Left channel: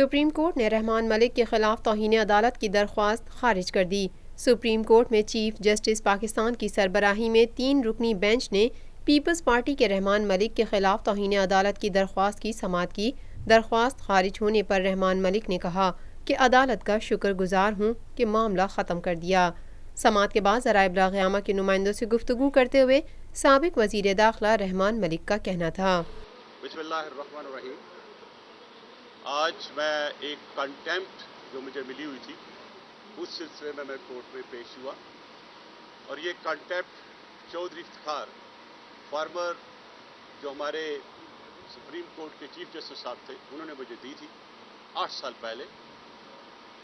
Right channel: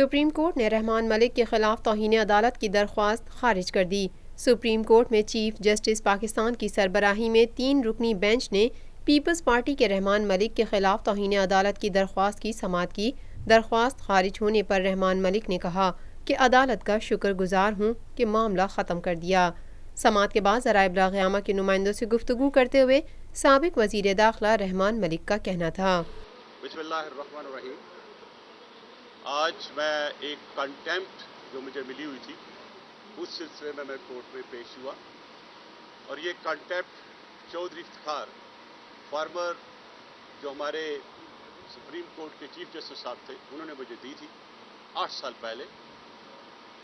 Supreme court نے رحمان ملک کے خلاف توہین عدالت کی درخواست خارج کر دی۔ سپریم کورٹ میں چیف جسٹس پاکستان کی سربراہی میں 3 رکنی بینچ نے پیپلز پارٹی کے رحمان ملک کے خلاف توہین عدالت کی درخواست کی سماعت کی۔ درخواست خارج ہونے پر رحمان ملک نے کہا کہ عدالت کا شکر گزار ہوں کہ معاملہ ختم کر دیا۔ سماعت کے بعد ذرائع ابلاغ عامہ کے نمائندوں سے گفتگو کرتے ہوئے سابق وزیر داخلہ رحمان ملک کا کہنا تھا، بسم اللہ الرحمن الرحیم۔ آج میں ایک کنٹیمپٹ جو مجھے ملی ہوئی تھی اس سلسلے میں کورٹ میں پیش ہوا، اور یہ کنٹیمپٹ چودھری افتخار فارمر جو ہمارے سپریم کورٹ کے چیف جسٹس صاحب تھے انہوں نے مجھے دی تھی 8 سال پہلے،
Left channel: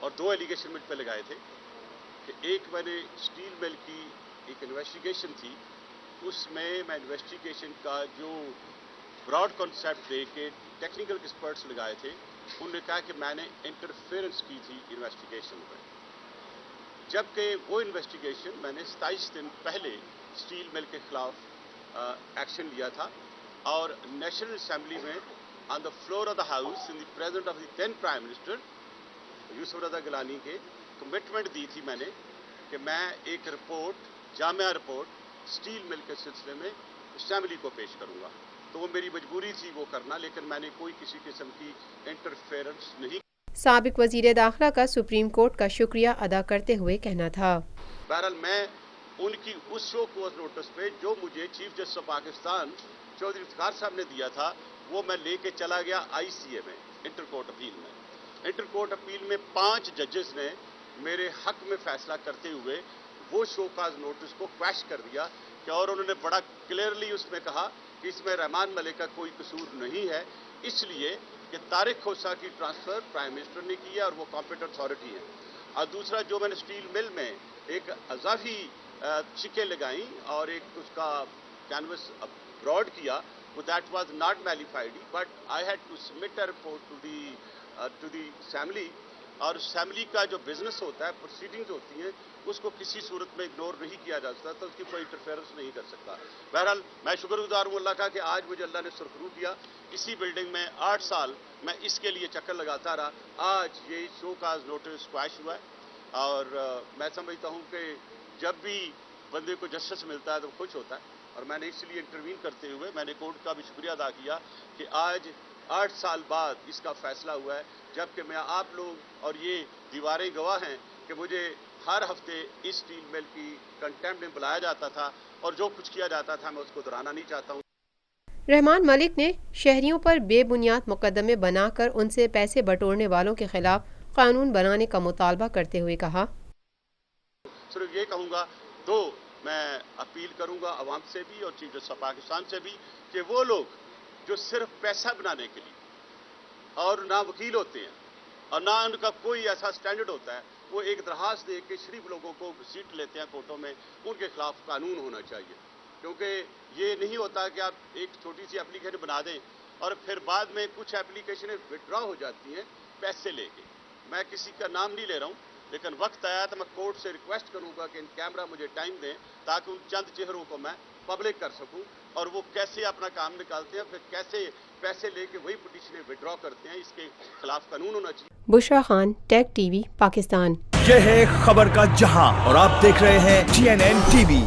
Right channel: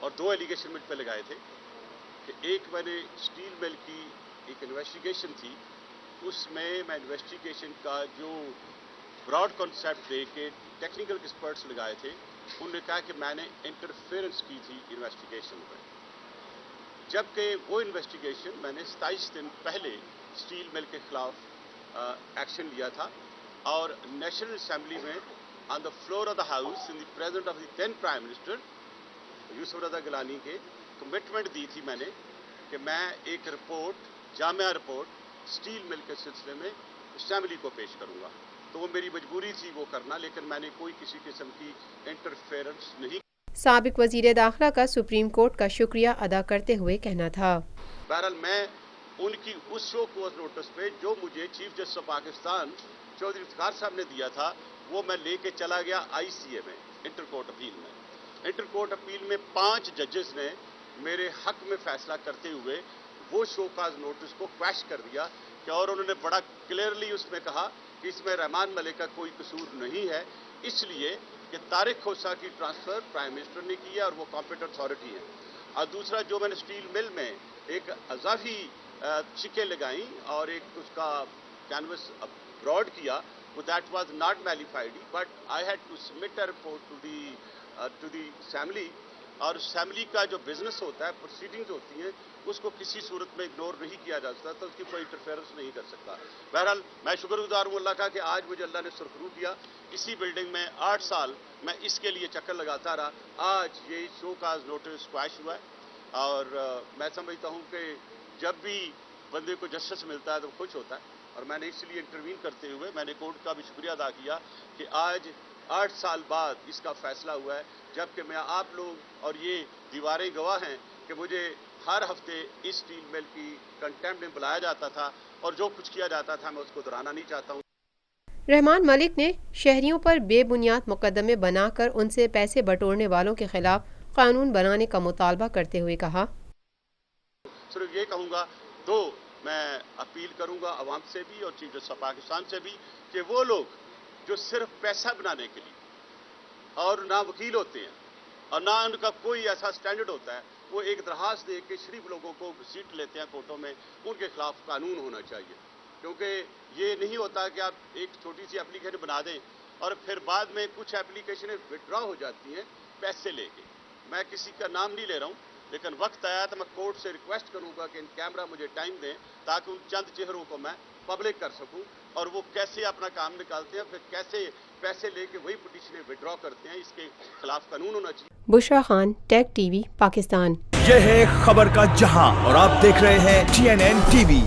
اور 2 ایلیگیشن مجھ پہ لگائے تھے کہ ایک میں نے اسٹیل مل کی ایک انویسٹیگیشن تھی، اس میں انویسٹیگیشن کا جو براڈ کانسیپٹ دے کے ٹیکنیکل ایکسپرٹس لگائے تھے، انہوں نے کہا کہ میں نے انٹرفیئرنس کی تھی انویسٹیگیشن میں، جبکہ وہ انویسٹیگیشن میں نے 27 دن پہلے اسٹیل مل کے خلاف ایکشن لیا تھا، اور نیشنل اسمبلی میں on the floor of the house in the present of the then prime minister Yousuf Raza Gilani کے کمٹمنٹ دی تھی میں نے کہ میں ایک رپورٹ جامعہ رپورٹ اسٹیل مل کے سلسلے میں اسمبلی کو پیش کروں گا، تو وہ میری مجبوری تھی وہ کرنا، لیکن میں نے کوئی کسی قسم کی انٹرفیئرنس نہیں۔ سابق وزیر داخلہ کا سپریم کورٹ کا شکریہ ادا کرتے ہوئے کہنا تھا، بہرحال میں ان کی اس شو کوز نوٹس پہ جو مجھے chief justice of Pakistan Chaudhry Iftikhar صاحب نے دیا تھا وہ میں لے کے چلا گیا ICA میں، انٹر کورٹ اپیل میں۔ انٹر کورٹ اپیل میں 5 ججز نے میرے حق میں فیصلہ کرتے ہوئے وہ شو کاز نوٹس کو کویش کر دیا کہ، اور انہوں نے بڑا کلیئرلی اس میں کہا کہ اس میں رحمان ملک کا کوئی قصور نہیں ہے، اس لیے کہ طارق کھوسہ کی ٹرانسفر پرائم منسٹر نے کی ہے اور وہ کمپیٹنٹ اتھارٹی ہے۔ اور دوسرا جو میں نے اسٹیل مل میں ایک اضافی چکیں لگائیں اور ایک اس کا کینوس براڈ کیا، وہ that was not verified, but I had to submit a report to the assembly, اور اسمبلی کا جو بزنس ہوتا ہے، پروسیڈنگز ہوتی ہیں، اس کو کسی صورت میں اگنور نہیں کیا جا سکتا، تو اس کی کوئی انٹرفیئرنس نہیں کر سکتا۔ بہرحال میں شکر گزار ہوں اللہ کا کہ آج مجھے اللہ نے سرخرو دیا، اسی بلڈنگ میں 8 سال میں اس کے لیے چکر لگاتا رہا، آج یہ شو کاز نوٹس کویش ہوا ہے، اور میں سمجھتا ہوں کہ جب بھی بندے کو جسٹس ملتا ہے تو خوش ہوتا ہے، اور میں نے اس لیے انٹروین کرتے ہوئے میں نے کورٹ کا بھی شکریہ ادا کیا کہ آج 8 سال بعد اس کا فیصلہ ہوا ہے، جبکہ میں آپ لوگ اور یہ دیواریں گواہ ہیں کہ مجھے ہر ہفتے اس اسٹیل مل کی کنٹیمپٹ میں بلایا جاتا تھا، اور جو کچھ کیا جاتا تھا میں اس کو دہرانا نہیں چاہتا ہوں۔ رحمان ملک نے شہریوں پر بے بنیاد مقدمے بنا کر ان سے پیسے بٹورنے والوں کے خلاف قانون بنانے کا مطالبہ کرتے ہوئے کہا، صرف یہ کہوں گا، میں اپیل کروں گا عوام سے بھی اور چیف جسٹس آف پاکستان سے بھی کہ وہ لوگ جو صرف پیسہ بنانے کے لیے اور نہ وکیل ہوتے ہیں اور نہ ان کا کوئی ایسا سٹینڈرڈ ہوتا ہے، وہ ایک درخواست دے کے شریف لوگوں کو سیٹ لیتے ہیں کورٹوں میں، ان کے خلاف قانون ہونا چاہیے، کیونکہ یہ نہیں ہوتا کہ آپ ایک چھوٹی سی اپلیکیشن بنا دیں اور پھر بعد میں کچھ اپلیکیشنیں وڈرا ہو جاتی ہیں پیسے لے کے۔ میں کسی کا نام نہیں لے رہا ہوں، لیکن وقت آیا تو میں کورٹ سے ریکویسٹ کروں گا کہ ان کیمرہ مجھے ٹائم دیں تاکہ ان چند چہروں کو میں پبلک کر سکوں، اور وہ کیسے اپنا کام نکالتے ہیں، پھر کیسے پیسے لے کے وہی پٹیشنیں وڈرا کرتے ہیں، اس کے خلاف قانون ہونا چاہیے۔ بشرا خان، ٹیک ٹی وی، پاکستان۔ یہ ہے خبر کا جہاں، اور آپ دیکھ رہے ہیں TNN TV۔